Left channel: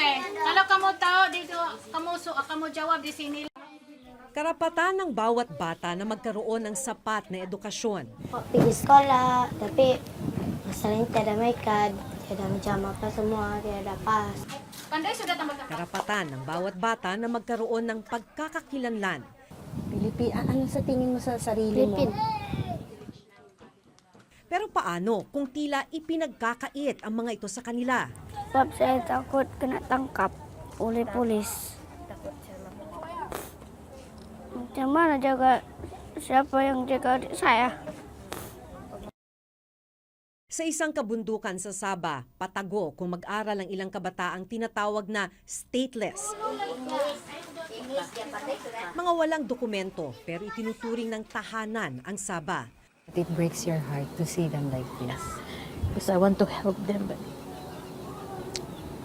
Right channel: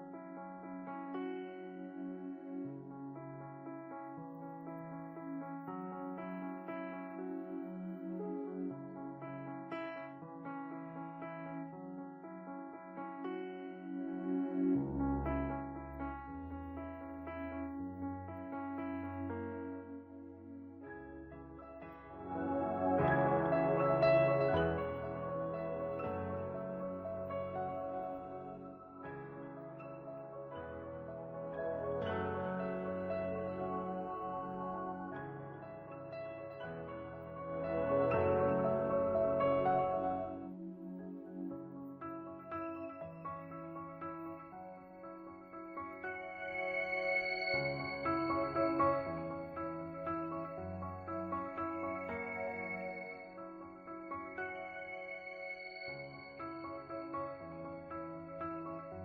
Okay. Kalau kamu tahu dito, kamu jawab di sini. Karapatan ng bawat bata na magkaroon ng sapat na edukasyon. Pergi sekolah, tapi masalahnya tiada makeup, tiada menjama apa semua, tiada pas. Pandai sudah tambah. Karapatan ng bawat bata na magkaroon ng pagkakakilanlan. Ano sa tingin mo sa sarili mo? Filipin. Pero paano kung tila ipinagkakait ang mga ito sa kanila? Sebab saya takut kena tangkap oleh polis. Macam mana jaga siapa yang jaga adik saya? Sa isang kabundukan sa Sabah, patago kung mag-aral ang ilang kabataang tinatawag na stateless. Mga walang dokumento pero itinuturing ng tahanan ang Sabah. It breaks your heart to see them like this. Because I want to help them, but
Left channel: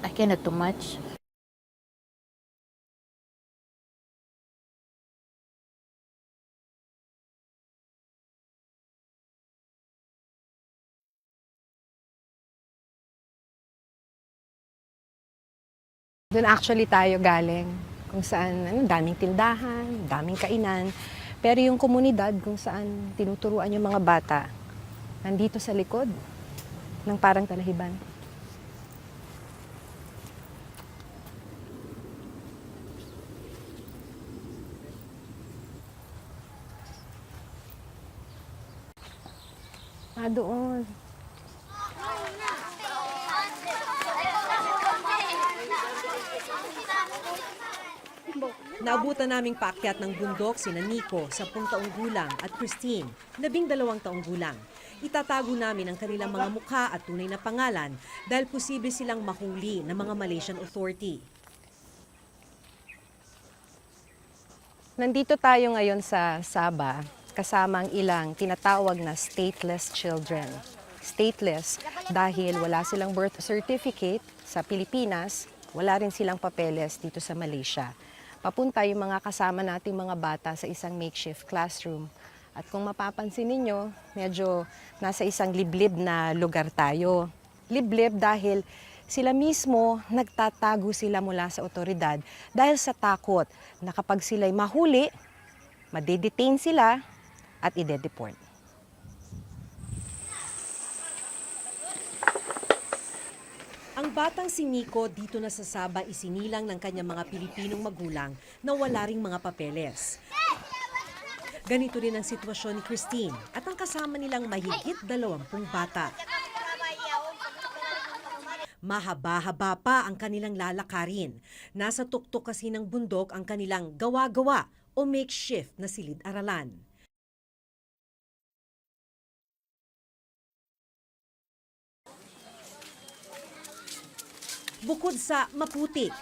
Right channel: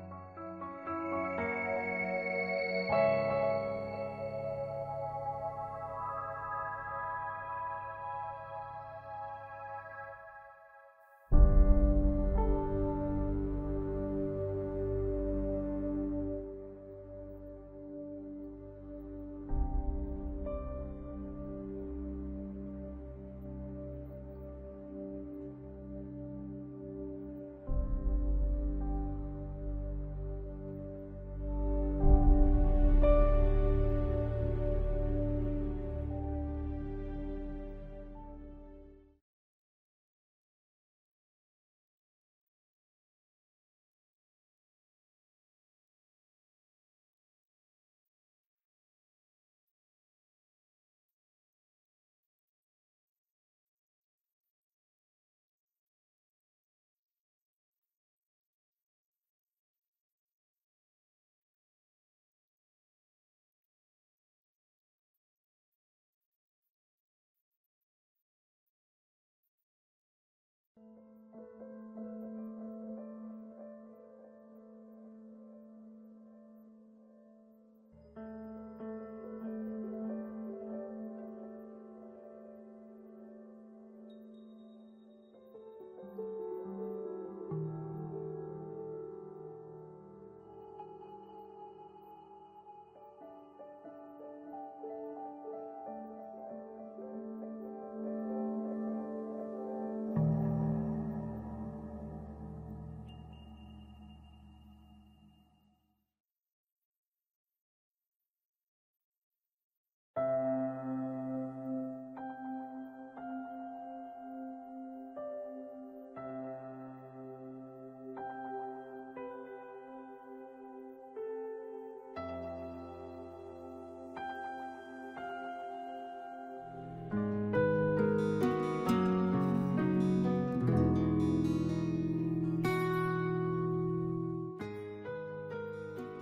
I cannot do much. Doon actually tayo galing, kung saan daming tindahan, daming kainan. Pero yung komunidad kung saan tinuturuan yung mga bata, nandito sa likod ng parang talahiban. Doon. Naabutan naming paakyat ng bundok sina Nico, 10 taong gulang, at Christine, 12 taong gulang. Itatago namin ang kanilang mga mukha at tunay na pangalan dahil posible silang mahuli ng mga Malaysian authority. Nandito tayo ngayon sa Sabah, kasama ang ilang tinatawag na stateless children. Stateless dahil wala silang birth certificate sa Pilipinas, wala rin silang papeles dito sa Malaysia. Papunta yung mga kasama nating mga bata sa isang makeshift classroom. At kung mapapansin ninyo, medyo nasa isang liblib na lugar tayo. Liblib dahil sila mismo nagtatago sila mula sa otoridad dahil sa takot na kapag sila'y mahuli, madedetain sila at ide-deport. Ang batang si Nico dito na sa Sabah isinilang ng kanyang mga Pilipinong magulang na wala ring mga papeles. Ganito rin ang sitwasyon ni Christine at ang kasama nilang mahigit 20 bata. Mahaba-haba pa ang kanilang lalakarin. Nasa tuktok kasi ng bundok ang kanilang gawa-gawa o makeshift na silid-aralan. Bukod sa maputik,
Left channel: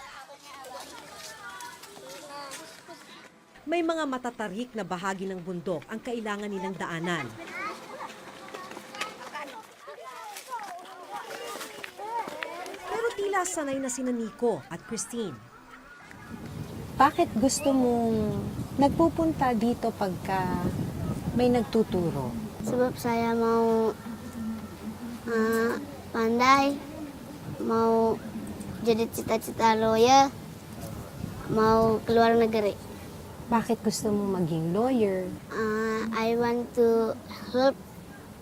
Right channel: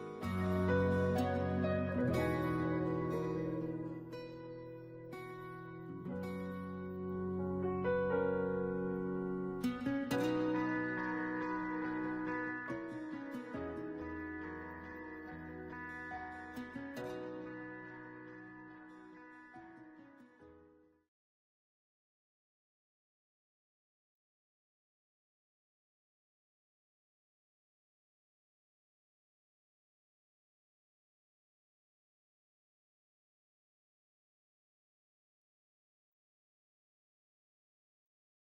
may mga matatarik na bahagi ng bundok ang kailangan nilang daanan. Pero tila sanay na sina Nico at Christine. Bakit gusto mong nagpupunta dito pagka may nagtuturo? Sebab saya mau pandai, mau jadi cita-cita lawyer, mau keluar negeri. Bakit gusto mong maging lawyer? I want to help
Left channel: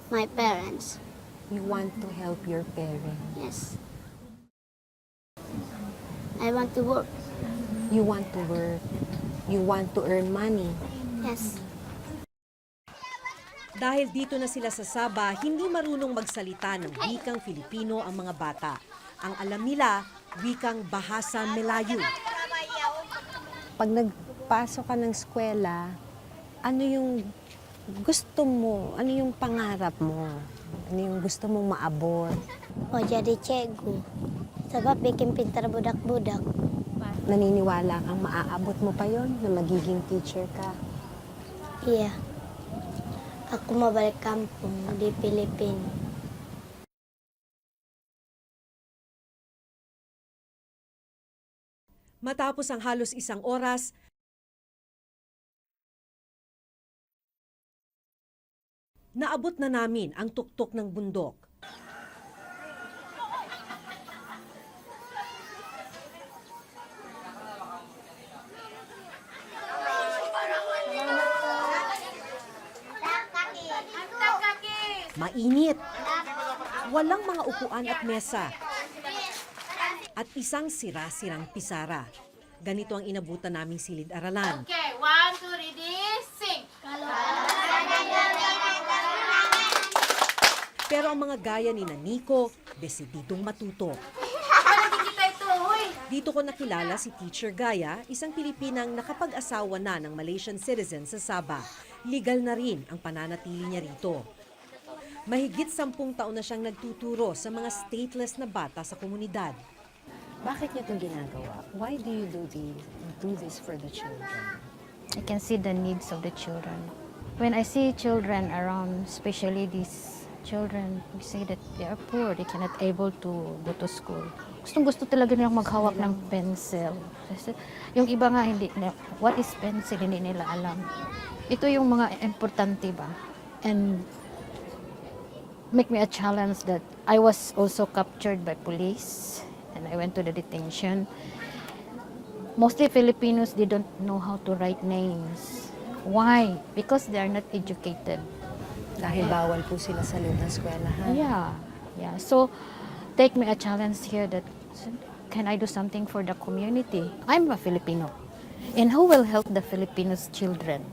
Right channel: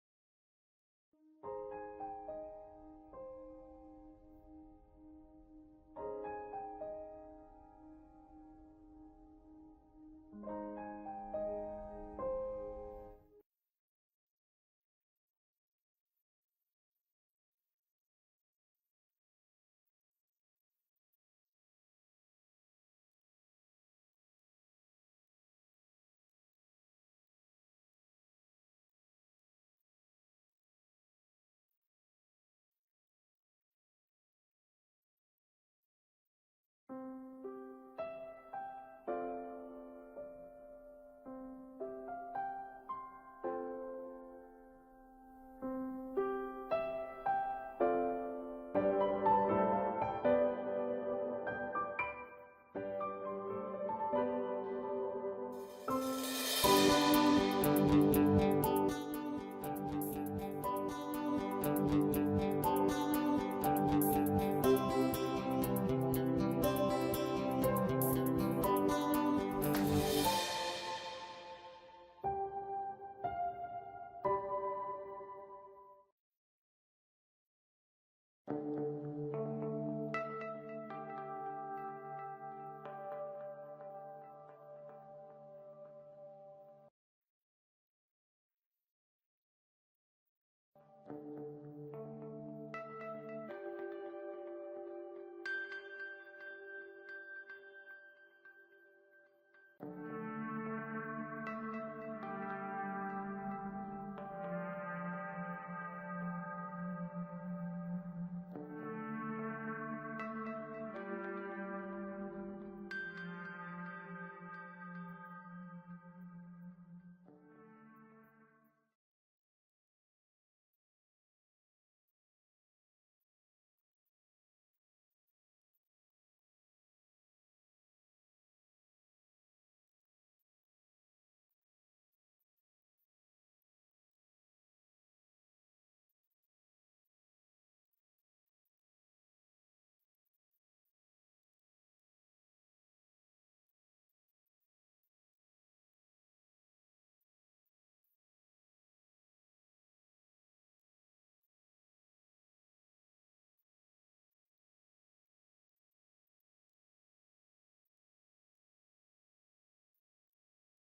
my parents. You want to help your parents. Yes. I want to work. You want to work. You want to earn money. Yes. Dahil dito na sila sa Sabah, hindi marunong magsalita ng wikang Filipino ang mga bata. Ang alam nila, wikang Bahasa Melayu. Pag nagpasok ka ng eskwela, ano yung gusto mo? Ano yung pangarap mo? Ano yung gusto mong maabot? Mau jadi cikgu. Sebab bikin pintar budak-budak. Naniniwala kang maaabot mo pa yon na magiging teacher ka? Iya. Aku mau balik kampung di Filipina. Matapos ang halos 1 oras, naabot na namin ang tuktok ng bundok. Mainit. Walang mga upuan at mesa. At isang sira-sirang pisara. Ganito ang inabutan naming silid-aralan. Okay, 1, 2, ready, sing! Pero ang mga gaya ni Nico, desididong matuto. Kita ito, huy! Dito ko nakilala si Teacher Gaya, isang Pilipinang nakapag-asawa na ng Malaysian citizen sa Sabah. Legal na rin ang pananatili niya rito. Mahigit 10 taon na siyang nagtuturo sa mga stateless na bata sa komunidad. Bakit niyo itong ginagawa? Why do you do this for the children? I can see the needs of the children. When I see children around, especially these children, we say that they are poor, they cannot able to go to school. Gustong-gusto talaga nilang maghawak ng pencil. Kasi yung iba nga, hindi, what is pencil, hindi nila alam. Ito yung mga importante ba? And make me a challenge that I was also captured by police and I went to the detention. Mostly Filipinos, they don't know how to write names. Why? Because they are not educated. Dahil bawal po sila sa loob ng eskwelahan. Yeah. So, take me a challenge here that can I do something for the community? I'm a Filipino. And who will help the Filipinos children?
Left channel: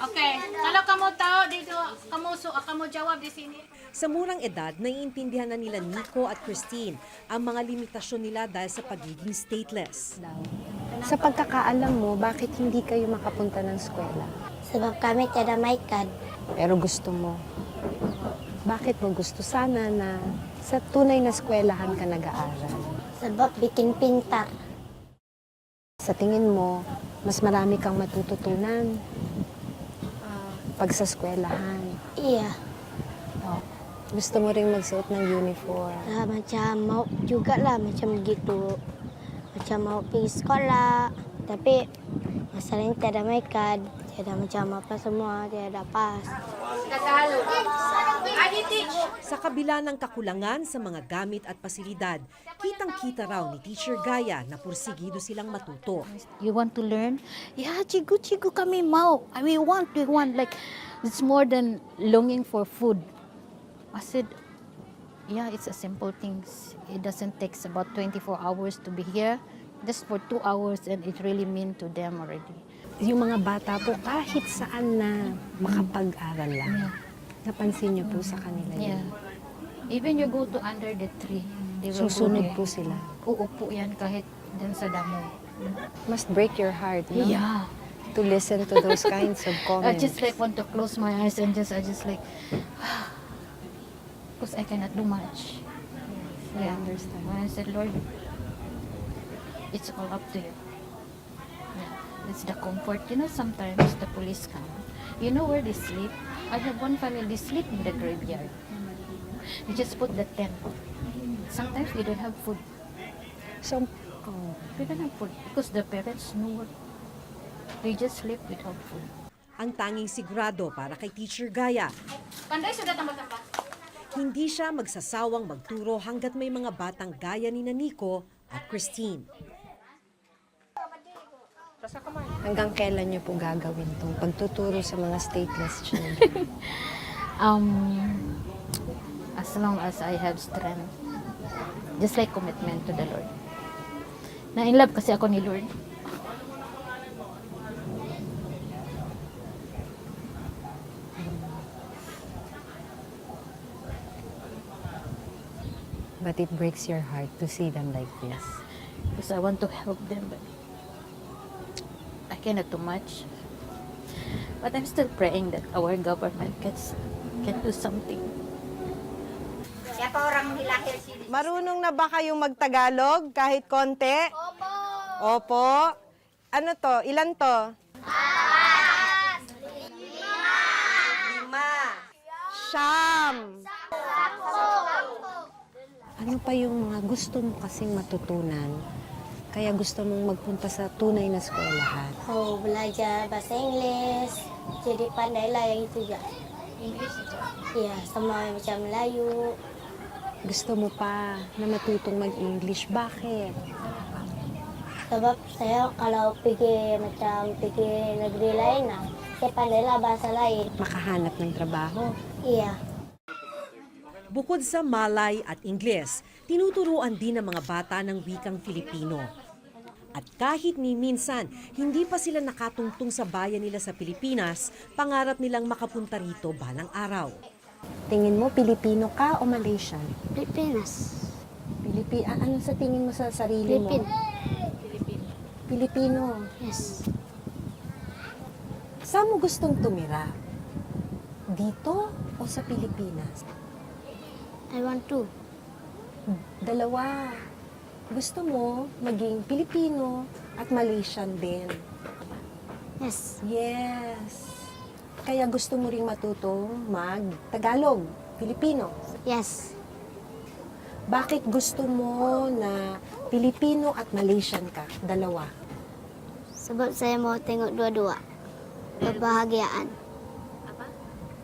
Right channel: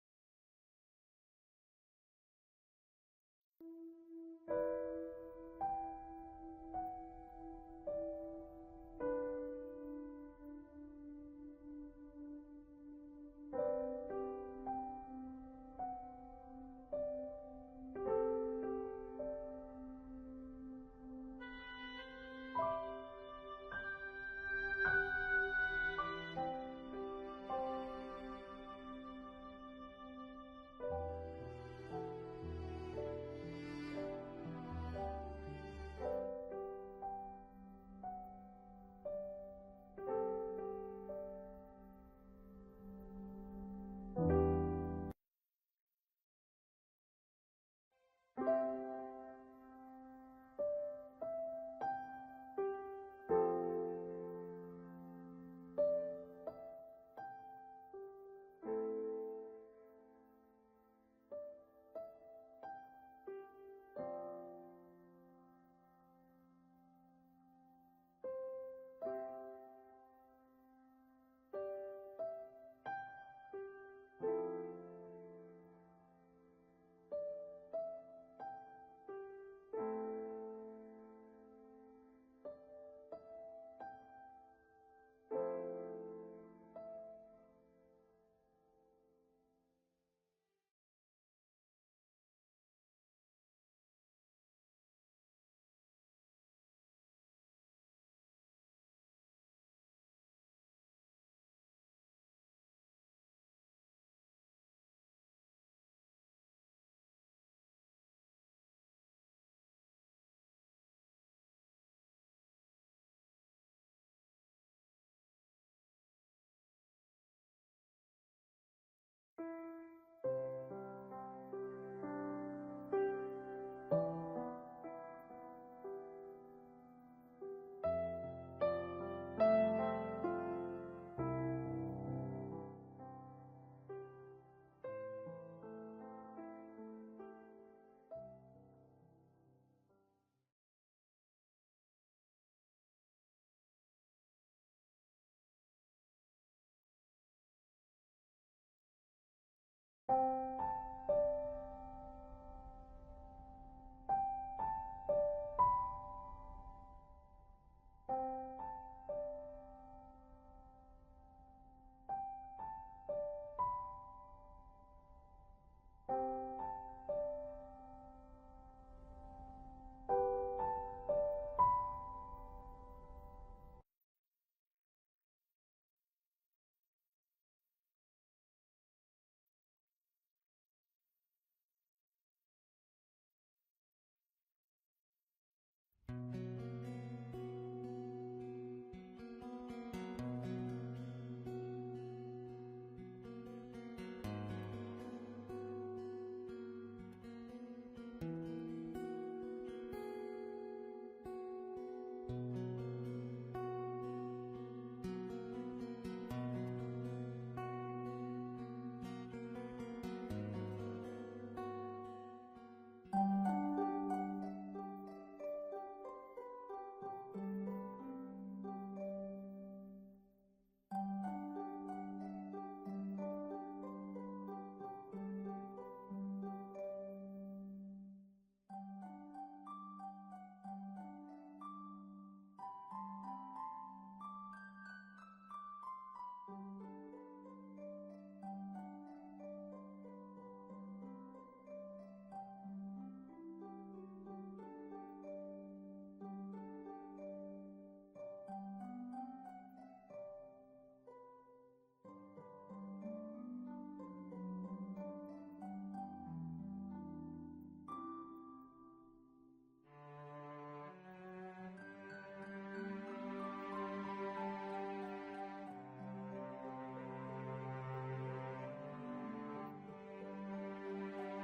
Okay, kalau kamu tahu dito, kamu jawab di sini. Sa murang edad, naiintindihan na nila Nico at Christine ang mga limitasyon nila dahil sa pagiging stateless. Sa pagkakaalam mo, bakit hindi kayo makapunta ng eskwela? Sebab kami tiada may kad. Pero gusto mo. Bakit mo gusto sana na sa tunay na eskwelahan ka nag-aaral? Sebab bikin pintar. Sa tingin mo, mas marami kang matututunan pag sa eskwelahan. Iya. Gusto mo rin magsuot ng uniform. Macam mau juga lah macam gitu. Macam mau pergi sekolah. Tapi masalahnya tiada may kad. Tiada macam apa semua. Tiada pas. Sa kabila ng kakulangan sa mga gamit at pasilidad, kitang-kita raw ni Teacher Gaya na pursigido silang matuto. You want to learn? Yeah, chigu kami mau. We want. Like, it's more than longing for food. I said, yeah, it's a simple things. It doesn't take about 24 hours to be here. Just for 2 hours and it really mean to them already. Yung mga bata po, kahit saan na makapag-aral lang. Napansin niyo po sa kanila yun. Yeah. Even you go to under the tree, they will Susunod go po there. sila. Uupo yan kahit dun sa damo. Must break your heart, no? Yeah. To listen to those kinds of I comments. just like want to close my eyes and I just like, because I cannot do much. I understand. When I said, Lord, it's all up to you. Yeah. It's the comfort. You know, sometimes the police come. You know where they sleep? I have one family, they sleep in the graveyard. You just put the tent. Sometimes they don't have food. So, They don't have food because the parents know what. They just sleep without food. Ang tanging sigurado para kay Teacher Gaya, Pandai sudah tambah apa? hindi siya magsasawang magturo hanggat may mga batang gaya ni Nico at Christine. hanggang kailan niyo po gagawin itong pagtuturo sa mga stateless children? As long as I have strength. Just like commitment to the Lord. Na in love kasi ako ni Lord. But it breaks your heart to see them like this. Because I want to help them, but I cannot do much. But I'm still praying that our government can do something. Marunong na ba kayong magtagalog kahit konti? Opo. Opo. Ano to? Ilan to? 5. 5. Ano pa yung mga gusto mo kasing matutunan? Kaya gusto mong magpunta sa tunay na eskwelahan? Oh, belajar bahasa Inggeris. Jadi pandailah yang itu juga. Iya, sama macam Melayu. Gusto mo pa na matutong mag-English. Bakit? Sebab saya kalau pergi negeri lain, saya pandailah bahasa lain. Makahanap ng trabaho. Iya. Bukod sa Malay at Ingles, tinuturuan din ng mga bata ng wikang Filipino. At kahit ni minsan, hindi pa sila nakatungtong sa bayan nila sa Pilipinas, pangarap nilang makapunta rito balang araw. Tingin mo, Pilipino ka o Malaysian? Pilipinas. Ano sa tingin mo sa sarili mo? Pilipino. Yes. Saan mo gustong tumira? Dito o sa Pilipinas? I want to. Dalawa. Gusto mo maging Pilipino at Malaysian din. Yes. Yes. Kaya gusto mo ring matutong mag-Tagalog, Pilipino. Yes. Bakit gusto mo na Pilipino at Malaysian ka? Dalawa. Sebab saya mau tengok dua-dua. Kebahagiaan.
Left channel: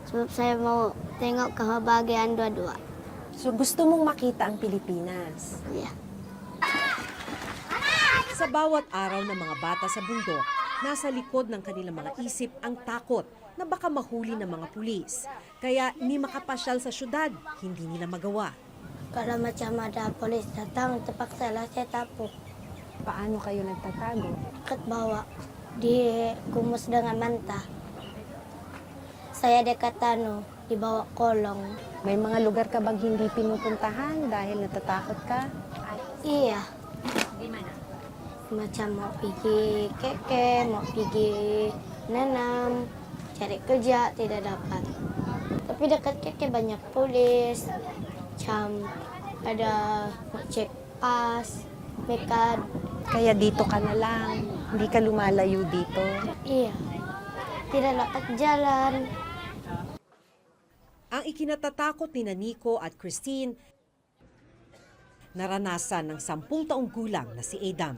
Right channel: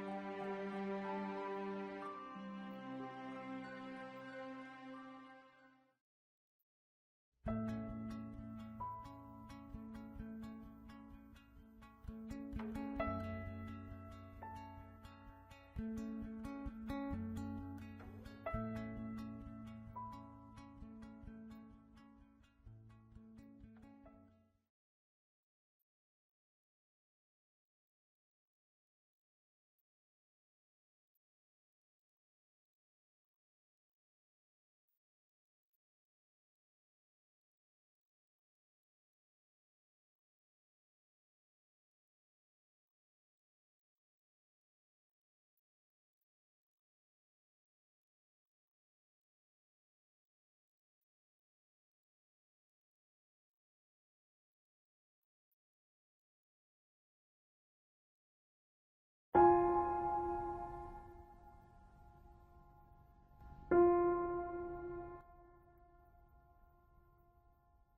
Sebab saya mau tengok kebahagiaan dua-dua. So gusto mong makita ang Pilipinas. Ya. Sa bawat araw ng mga bata sa bundok, nasa likod ng kanilang mga isip ang takot na baka mahuli ng mga pulis. Kaya ni makapasyal sa syudad, hindi nila magawa. Kalau macam ada polis datang, terpaksa lah saya tapu. Paano kayo nagtatago? Dekat bawah. Dikumus dengan manta. Saya dekat dibawa kolong. May mga lugar ka bang hindi pinupuntahan dahil natatakot ka? Iya. Macam mau pergi keke, mau pergi nanam, cari kerja tidak dapat. Tapi dekat keke banyak polis, macam ada mau cek pas, mekad. Kaya dito ka na lang. Hindi ka lumalayo dito. Iya, tidak dapat jalan. Ang ikinatatakot ni Nico at Christine, naranasan ng 10 taong gulang na si Adam.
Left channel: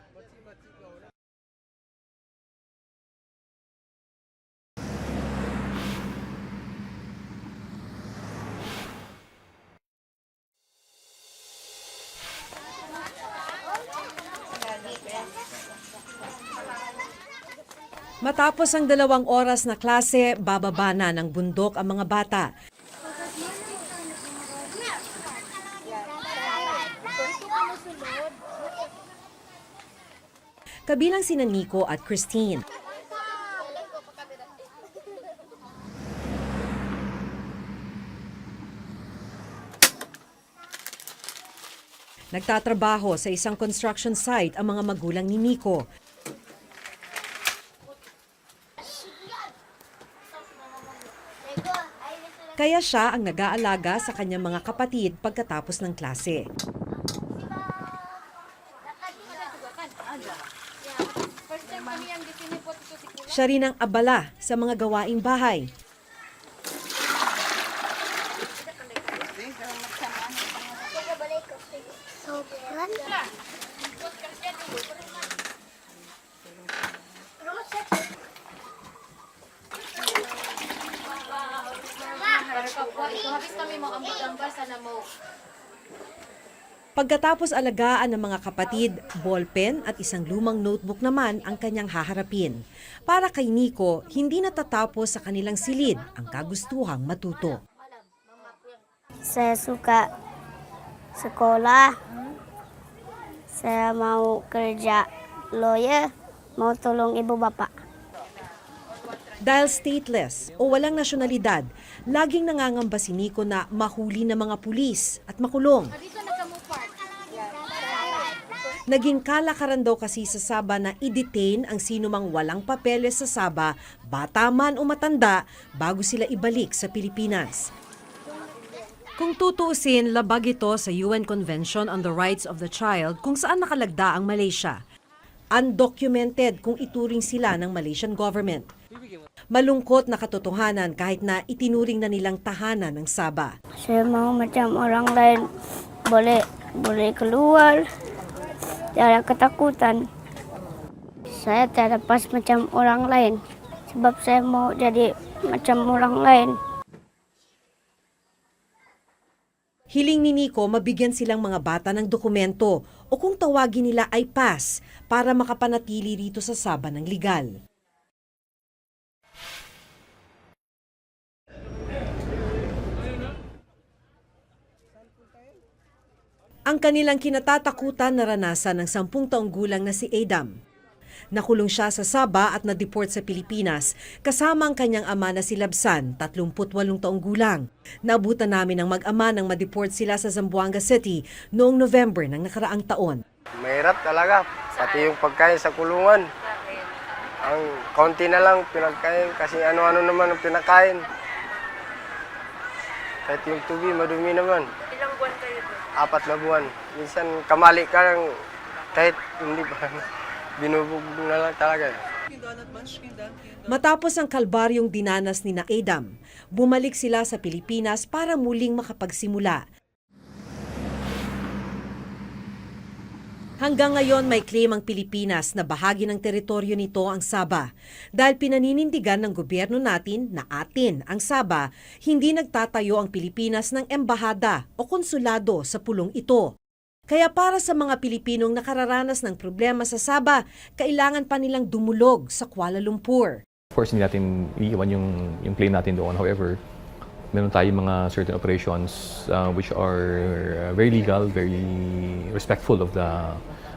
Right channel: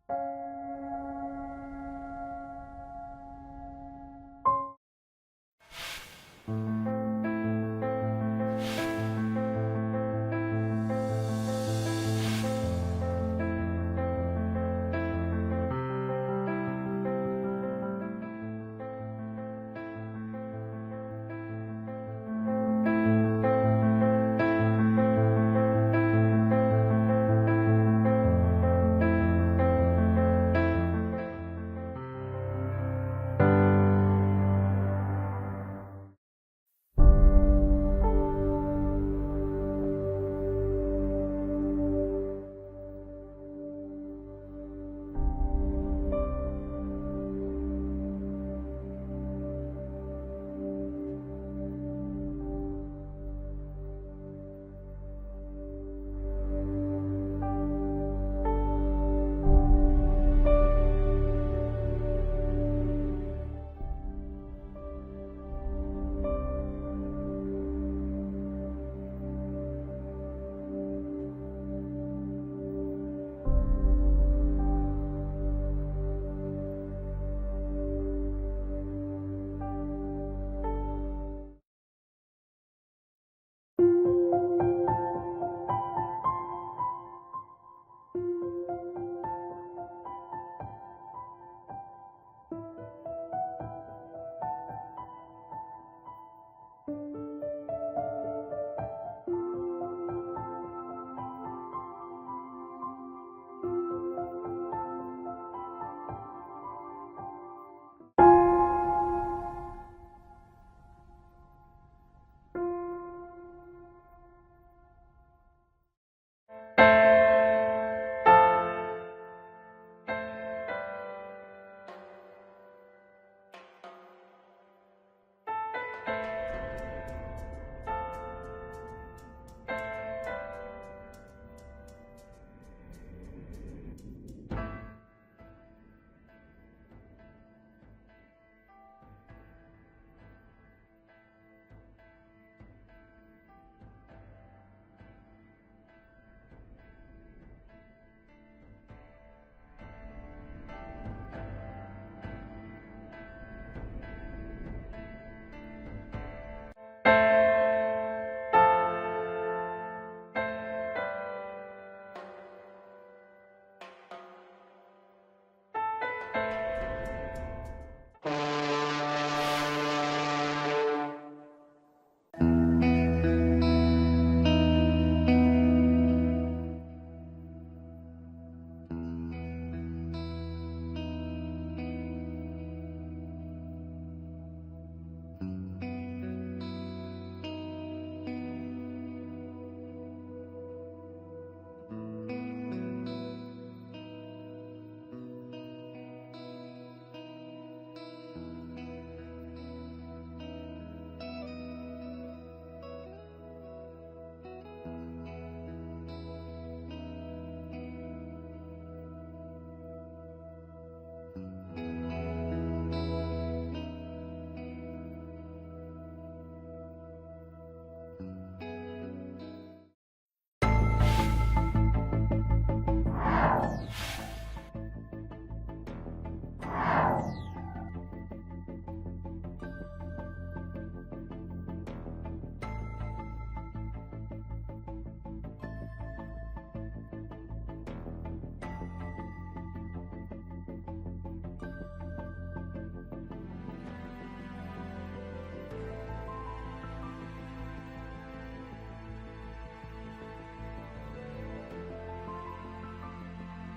Matapos ang 2 oras na klase, bababa na ng bundok ang mga bata. Kabilang sina Nico at Christine. Nagtatrabaho sa isang construction site ang mga magulang ni Nico. Kaya siya ang nag-aalaga sa kanyang mga kapatid pagkatapos ng klase. Siya rin ang abala sa mga gawaing bahay. Pagkatapos alagaan ng mga kapatid, ballpen at isang lumang notebook naman ang kanyang haharapin. Para kay Nico, hindi natatapos sa kanilang silid ang kagustuhang matuto. Saya suka sekolah. Saya mau kerja lawyer, mau tolong ibu bapak. Dahil stateless o walang nasyonalidad, laging nangangamba si Nico na mahuli ng mga pulis at makulong. Naging kalakaran daw kasi sa Sabah na i-detain ang sinumang walang papeles sa Sabah, bata man o matanda, bago sila ibalik sa Pilipinas. Kung tutuusin, labag ito sa UN Convention on the Rights of the Child kung saan nakalagda ang Malaysia. Undocumented kung ituring sila ng Malaysian government. Malungkot na katotohanan kahit na itinuring na nilang tahanan ng Sabah. Saya mau macam orang lain, boleh keluar, tidak ada ketakutan. Saya tidak pas macam orang lain, sebab saya mau jadi macam orang lain. Hiling ni Nico mabigyan silang mga bata ng dokumento o kung tawagin nila ay pass para makapanatili rito sa Sabah ng legal. Ang kanilang kinatatakutan naranasan ng 10 taong gulang na si Adam. Nakulong siya sa Sabah at na-deport sa Pilipinas kasama ang kanyang ama na si Labsan, 38 taong gulang. Naabutan namin ang mag-ama nang ma-deport sila sa Zamboanga City noong November ng nakaraang taon. Mahirap talaga, pati yung pagkain sa kulungan. Ang konti na lang pinagkain kasi ano-ano naman ang pinakain. Kahit yung tubig, madumi naman. Ilang buwan kayo doon? 4 na buwan. Minsan kamali ka lang kahit hindi pa. Binubog na lang talaga. Matapos ang kalbaryong dinanas ni na Adam, bumalik sila sa Pilipinas para muling makapagsimula. Hanggang ngayon may claim ang Pilipinas na bahagi ng teritoryo nito ang Sabah. Dahil pinaninindigan ng gobyerno natin na atin ang Sabah, hindi nagtatayo ang Pilipinas ng embahada o konsulado sa pulong ito. Kaya para sa mga Pilipinong nakararanas ng problema sa Sabah, kailangan pa nilang dumulog sa Kuala Lumpur. Of course, hindi natin iiwan yung claim natin doon. However, meron tayong mga certain operations which are very legal, very respectful of the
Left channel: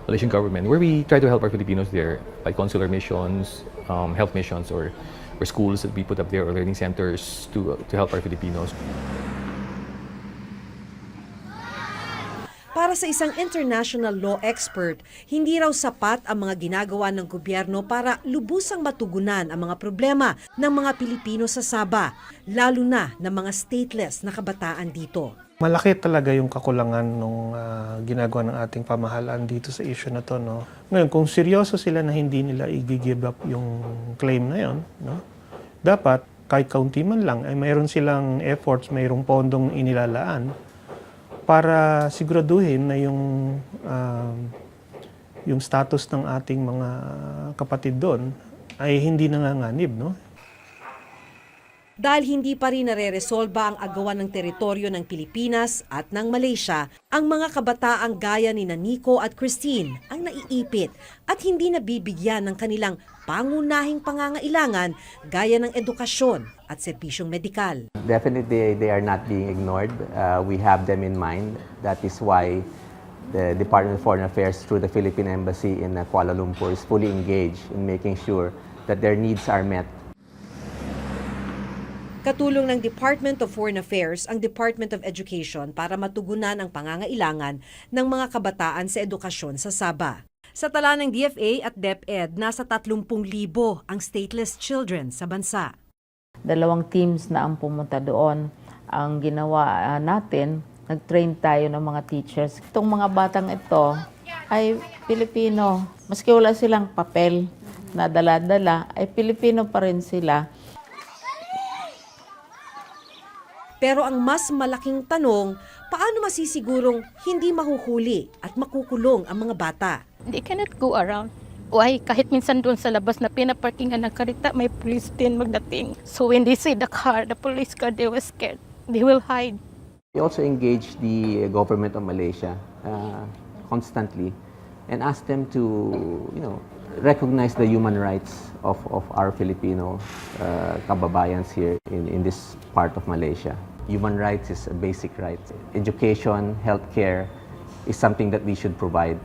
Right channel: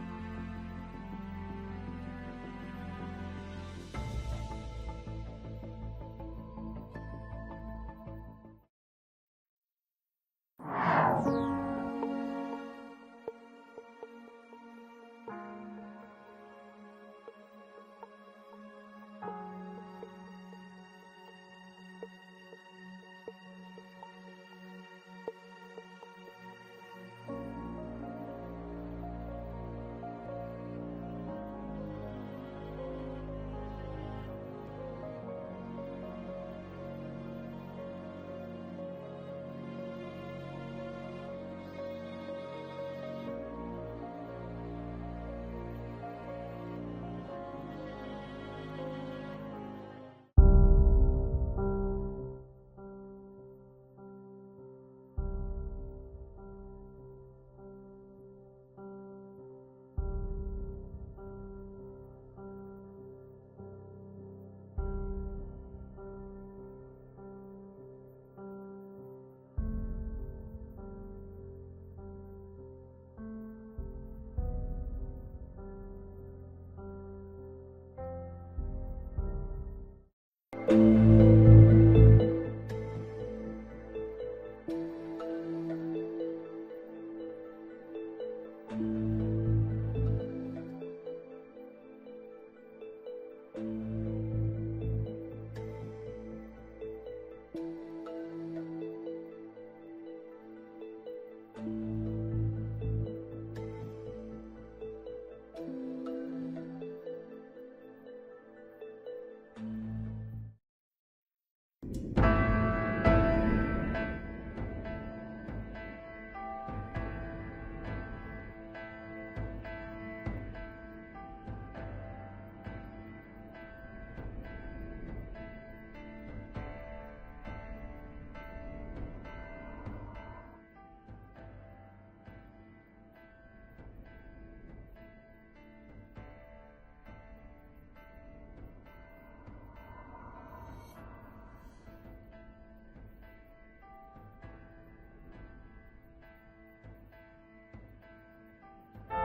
Malaysian government, where we try to help our Filipinos there by consular missions, health missions, or schools that we put up there, or learning centers to help our Filipinos. Para sa isang international law expert, hindi raw sapat ang mga ginagawa ng gobyerno para lubusang matugunan ang mga problema ng mga Pilipino sa Sabah, lalo na ng mga stateless na kabataan dito. Malaki talaga yung kakulangan nung ginagawa ng ating pamahalaan dito sa issue na to, no? Ngayon, kung seryoso sila na hindi nila i-give up yung claim na yon, no? Dapat kahit kaunti man lang ay mayroon silang efforts, mayroong pondong inilalaan para siguraduhin na yung status ng ating mga kapatid doon ay hindi nanganganib, no? Dahil hindi pa rin nare-resolba ang agawan ng teritoryo ng Pilipinas at ng Malaysia, ang mga kabataang gaya ni Nico at Christine ang naiipit at hindi nabibigyan ng kanilang pangunahing pangangailangan gaya ng edukasyon at serbisyong medikal. Definitely, they are not being ignored. We have them in mind. That is why the Department of Foreign Affairs through the Philippine Embassy in Kuala Lumpur is fully engaged in making sure that their needs are met. Katulong ng Department of Foreign Affairs ang Department of Education para matugunan ang pangangailangan ng mga kabataan sa edukasyon sa Sabah. Sa tala ng DFA at DepEd, nasa 30,000 ang stateless children sa bansa. 2 teams na ang pumunta doon. Ang ginawa natin, nag-train tayo ng mga teachers. Itong mga batang ito ay Pilipino. Maski wala silang papel na dala-dala, ay Pilipino pa rin sila. Pero ang mas malaking tanong, paano masisigurong hindi mahuhuli at makukulong ang mga bata? They cannot go around. Why? Kahit minsan doon sa labas na pinaparkingan ng karita, may police din magdating. So when they see the car, the police car, they were scared. They will hide. We also engage the government of Malaysia constantly and ask them to, recognize the human rights of our Filipino kababayans here in this part of Malaysia. Human rights is a basic right. Education, healthcare is something that we should provide.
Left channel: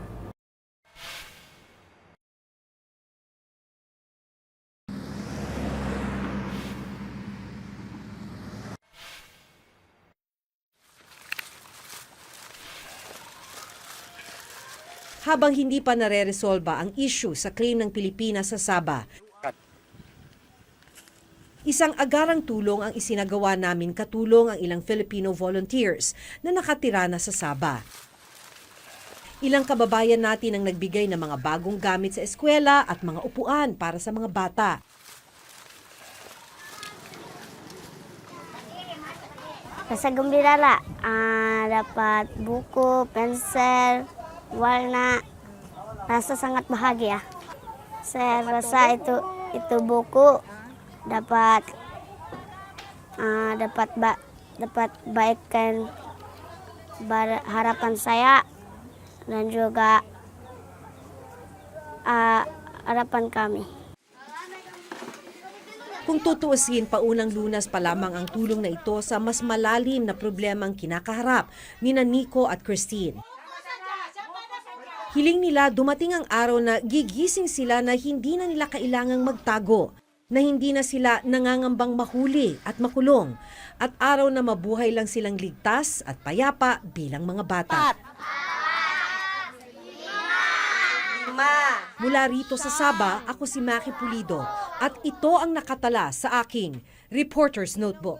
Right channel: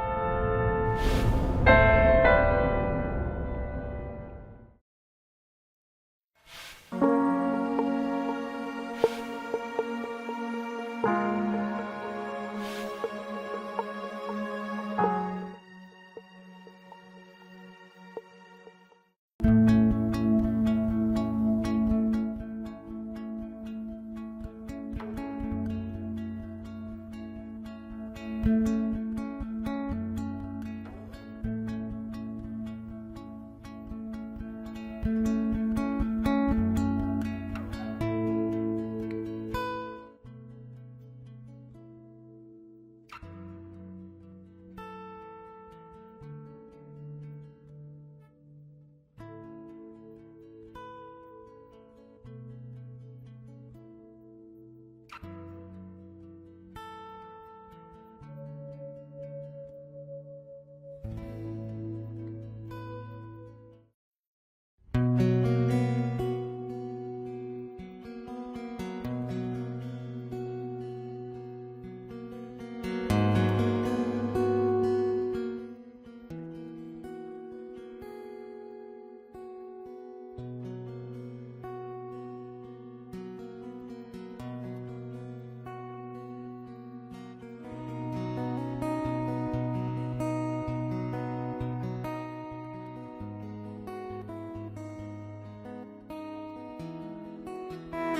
Habang hindi pa nare-resolba ang issue sa claim ng Pilipinas sa Sabah, isang agarang tulong ang isinagawa namin katulong ang ilang Filipino volunteers na nakatira na sa Sabah. Ilang kababayan natin ang nagbigay ng mga bagong gamit sa eskwela at mga upuan para sa mga bata. Sa Gumbilala, dapat buku, pensel, warna, rasa sangat bahagia. Saya rasa itu buku dapat baikkan harapan saya dan juga harapan kami. Kung tutuusin, paunang Lunas pa lamang ang tulong na ito sa mas malalim na problemang kinakaharap ni Nico at Christine. Hiling nila dumating ang araw na gigising sila na hindi na nila kailangang magtago, na hindi na sila nangangambang mahuli at makulong, at araw na mabuhay lang silang ligtas at payapa bilang mga bata. Mula rito sa Sabah, ako si Maki Pulido at ito ang nakatala sa aking Reporter's Notebook.